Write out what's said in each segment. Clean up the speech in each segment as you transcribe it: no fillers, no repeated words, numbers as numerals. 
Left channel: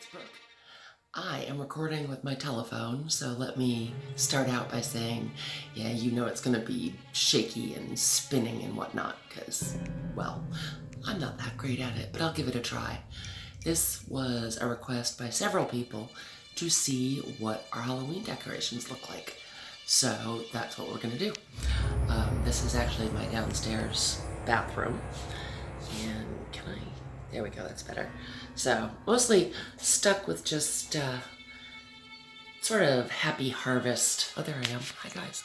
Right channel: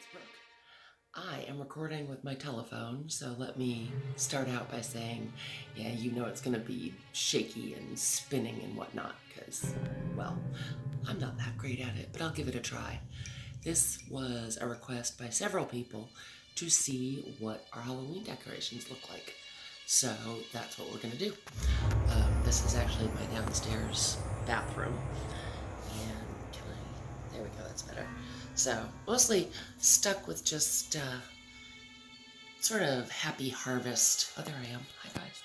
it's Brooke. I am recording with my telephone, so let me start out by saying, yeah, you know it's gonna be shaky and spinning and whatnot, because, well, I'm not that great at it, but I'll give it a try. This was a request by several people to see what our Halloween decorations look like. So that's what we're gonna do. This is actually my downstairs bathroom. And can I, there we go, that's better. So mostly stuck with just sort of happy harvest. Oh, there I am. Hi guys.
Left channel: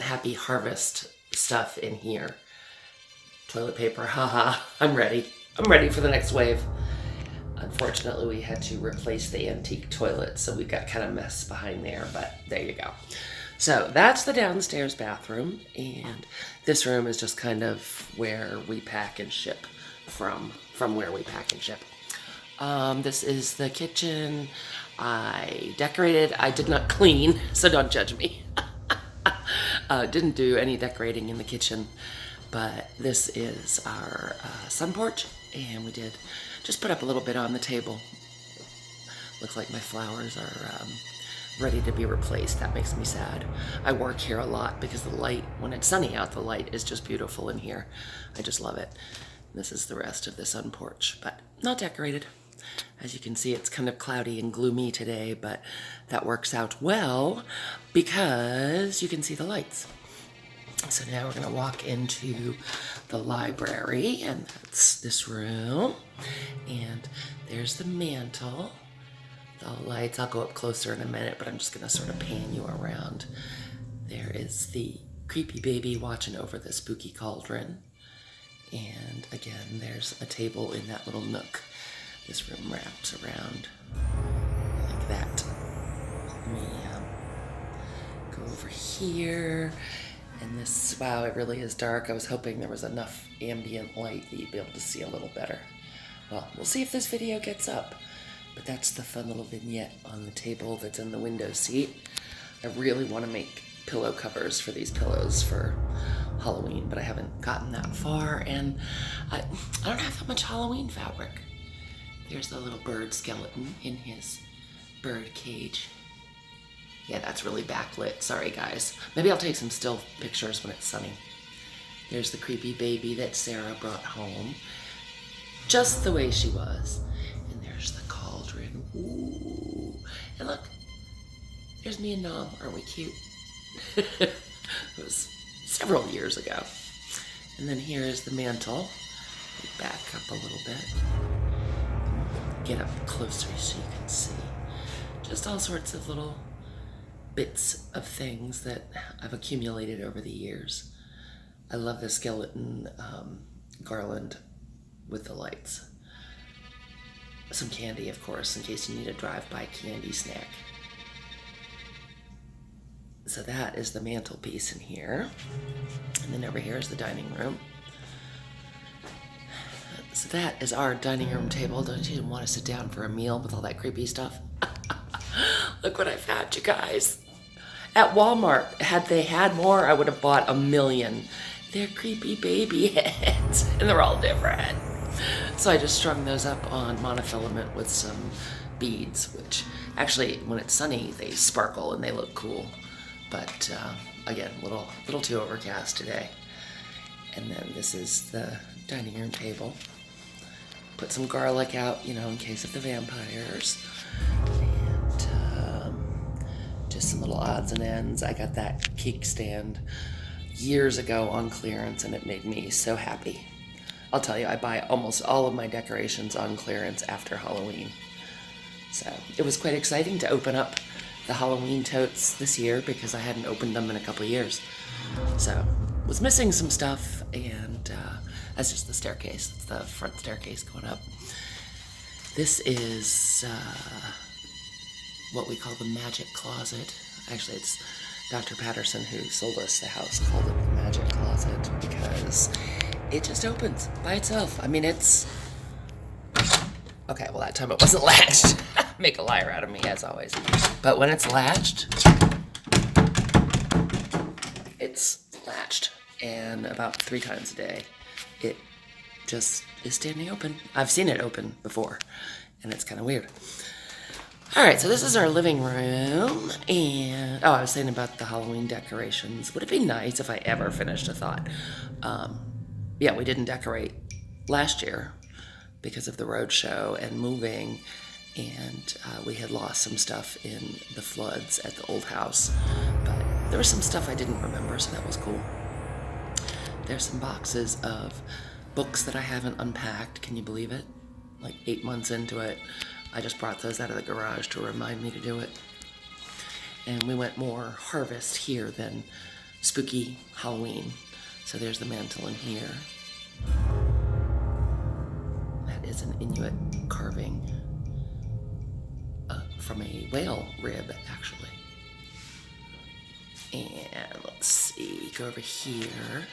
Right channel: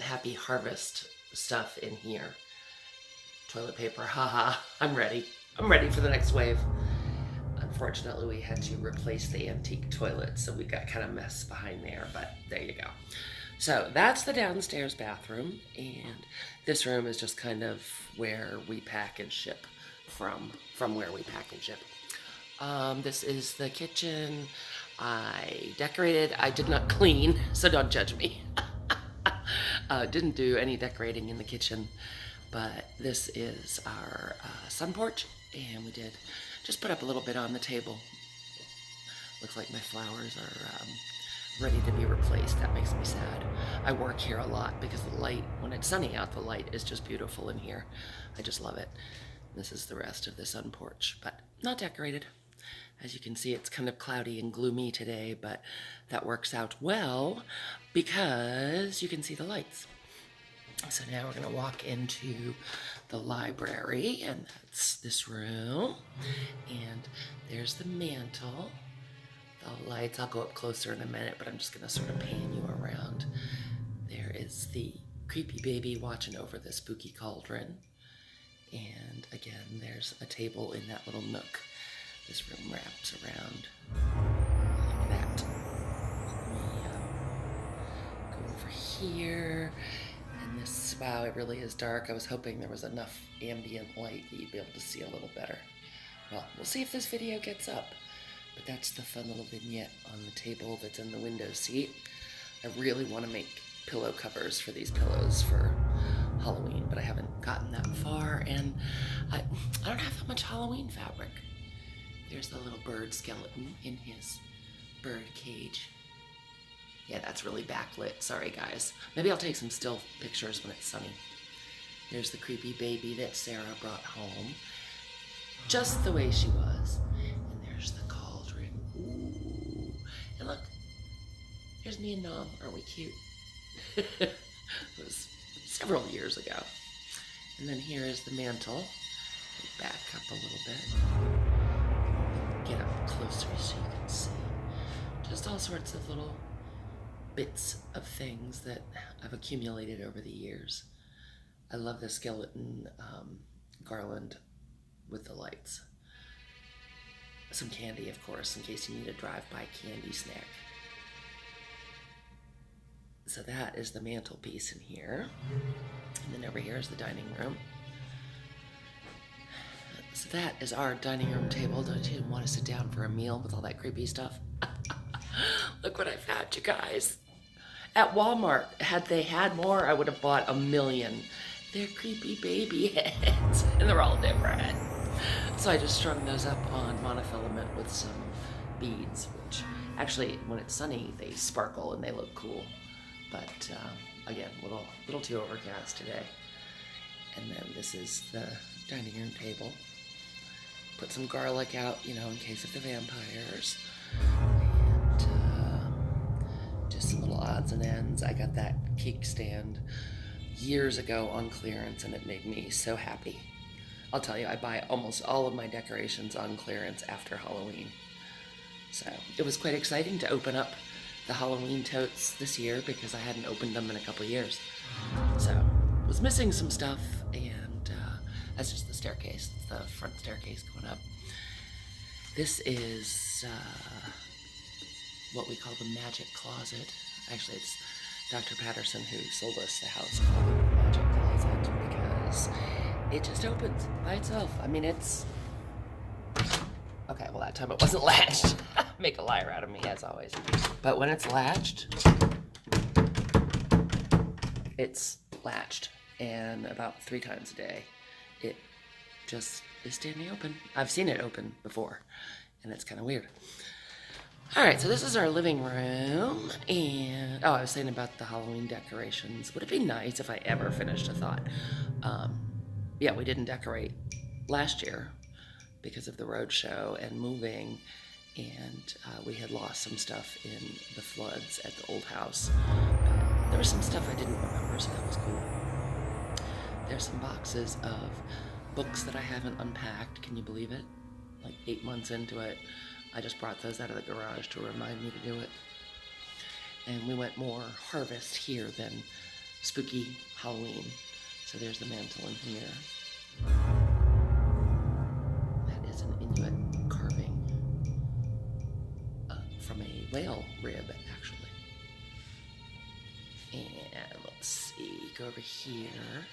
Happy harvest stuff in here. Toilet paper, haha, I'm ready. I'm ready for the next wave. Unfortunately, we had to replace the antique toilet, so we've got kind of mess behind there, but there you go. So that's the downstairs bathroom, and this room is just kind of where we pack and ship from where we pack and ship. This is the kitchen. I decorated. I did not clean, so don't judge me. Didn't do any decorating in the kitchen, but this is our sun porch, and we did just put up a little bit on the table. Looks like my flowers are ready to be replaced. That makes me sad. I work here a lot because the light, when it's sunny out, the light is just beautiful in here. I just love it. This is the rest of the sun porch, but not decorated. As you can see, it's kind of cloudy and gloomy today, but that works out well because you can see the lights. So now we're gonna walk into the library, and that's this room. And there's the mantle. The lights, I'll go up closer in a minute, but I'm just gonna sort of pan you around. There is the creepy baby watching over the spooky cauldron. And again, there's a table in that little nook. This room wraps around like that. Let me go over here. And this, wow, it really is dark. I was hoping there was enough ambient light that you'd be able to see a little better. Well, we'll see if this video gets up. But that's the fun little vignette on the table that's in the window seat. I really want to make pillow covers for these pillows for Halloween, but I haven't gotten that far, and I don't have that much Halloween fabric. There's the little bird skeleton in his bird cage. Yeah, that's really backlit. Sorry, guys. Maybe I'll take some still pictures when it's sunny. There's the creepy baby that Sarah brought home, just the way she was. And there's the cauldron. Ooh. And look, there's me and Nom. Aren't we cute? It was several years ago. And then here is the mantle. Back up a little bit. Get up closer so you can see. Just all sorts of little bits of things that I've accumulated over the years. I love the skeleton garland with the lights. Some candy, of course, in case you need a drive-by candy snack. So that is the mantelpiece in here. And then over here is the dining room. So that is our dining room table. Don't you want to sit down for a meal with all that creepy stuff? Look what I've had, you guys. At Walmart, had they had more, I would have bought 1,000,000. They're creepy baby heads, and they're all different. So I just strung those up on monofilament with some beads, which actually, when it's sunny, they sparkle and they look cool. But again, a little too overcast today. And then this is the dining room table. Put some garlic out, you know, in case of the vampires. And just some little odds and ends. I got that cake stand years ago on clearance, and it made me so happy. I'll tell you, I buy almost all of my decorations on clearance after Halloween. So it was quite exciting to open up the Halloween totes this year because I hadn't opened them in a couple years. So was missing some stuff, and that's just the staircase. That's the front staircase going up. This is what we call the magic closet. Actually, it's Dr. Patterson, who sold us the house, called it the magic closet because it just opens by itself. I mean, it's... Okay, well, that time it wasn't latched. Make a liar out of me, as always. But when it's latched, it's latched. And about 3 times a day, it just is standing open. I've seen it open before. and it's kind of weird. All right, so this is our living room, and I was saying about the Halloween decorations. Would it be nice if I ever finished a thought? Yeah, we didn't decorate last year because of the road show and moving, and we had lost some stuff in the floods at the old house, but there was some stuff I didn't remember, so that was cool. There's some boxes of books that I haven't unpacked. Can you believe it? Like 8 months into it, I just brought those out of the garage to remind me to do it. And we went more harvest here than spooky Halloween. So there's the mantle in here. That is an Inuit carving from a whale rib, actually. And let's see, go over here.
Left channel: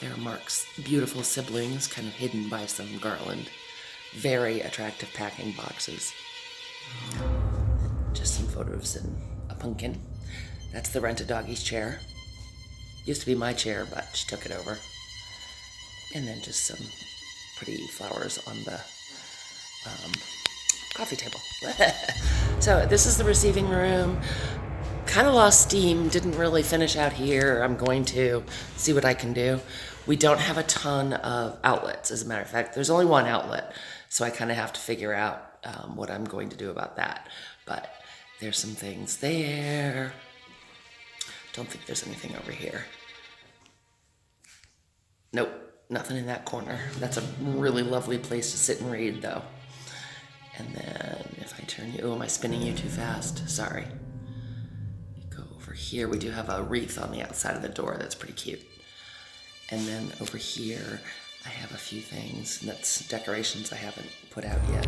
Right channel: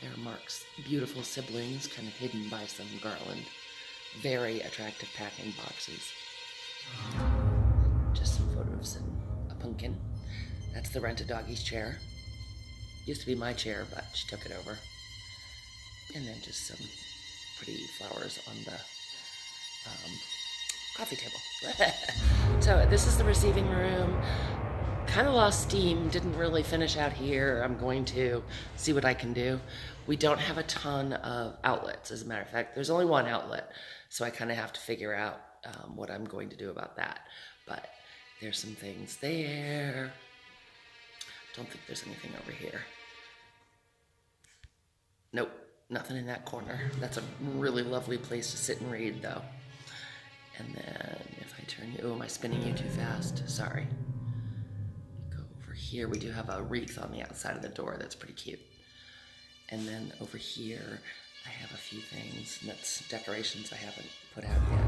There are Mark's beautiful siblings, kind of hidden by some garland. Very attractive packing boxes. Just some photos and a pumpkin. That's the rented doggy's chair. Used to be my chair, but she took it over. And then just some pretty flowers on the coffee table. So this is the receiving room. Kind of lost steam, didn't really finish out here. I'm going to see what I can do. We don't have a ton of outlets, as a matter of fact. There's only one outlet, so I kind of have to figure out what I'm going to do about that. But there's some things there. Don't think there's anything over here. Nope, nothing in that corner. That's a really lovely place to sit and read, though. And then if I turn you, oh, am I spinning you too fast? Sorry. Go over here. We do have a wreath on the outside of the door that's pretty cute. And then over here, I have a few things. That's decorations I haven't put out yet.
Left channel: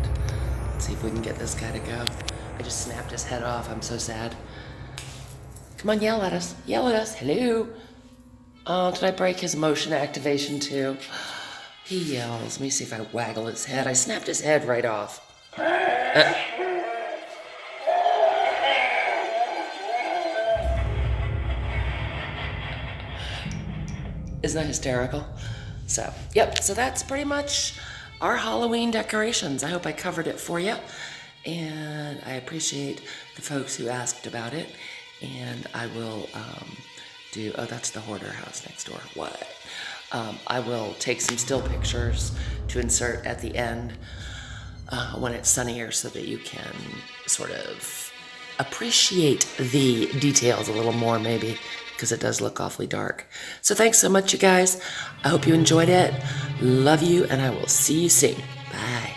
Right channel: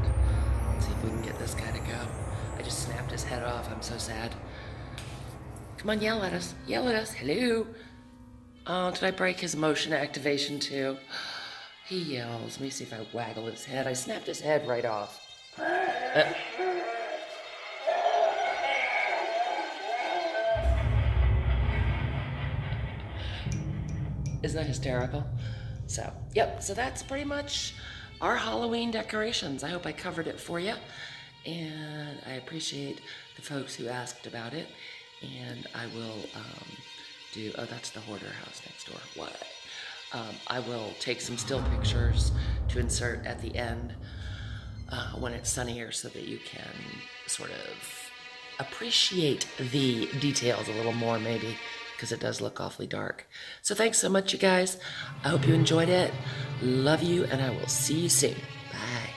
Let's see if we can get this guy to go. I just snapped his head off. I'm so sad. Come on, yell at us. Yell at us. Hello. Oh, did I break his motion activation too? He yells. Let me see if I waggle his head. I snapped his head right off. Isn't that hysterical? So, yep, so that's pretty much our Halloween decorations. I hope I covered it for you. And I appreciate the folks who asked about it. And I will oh, that's the hoarder house next door. What? I will take some still pictures to insert at the end when it's sunnier so that you can sort of appreciate the details a little more, maybe, because it does look awfully dark. So thanks so much, you guys. I hope you enjoyed it. Love you, and I will see you soon. Bye.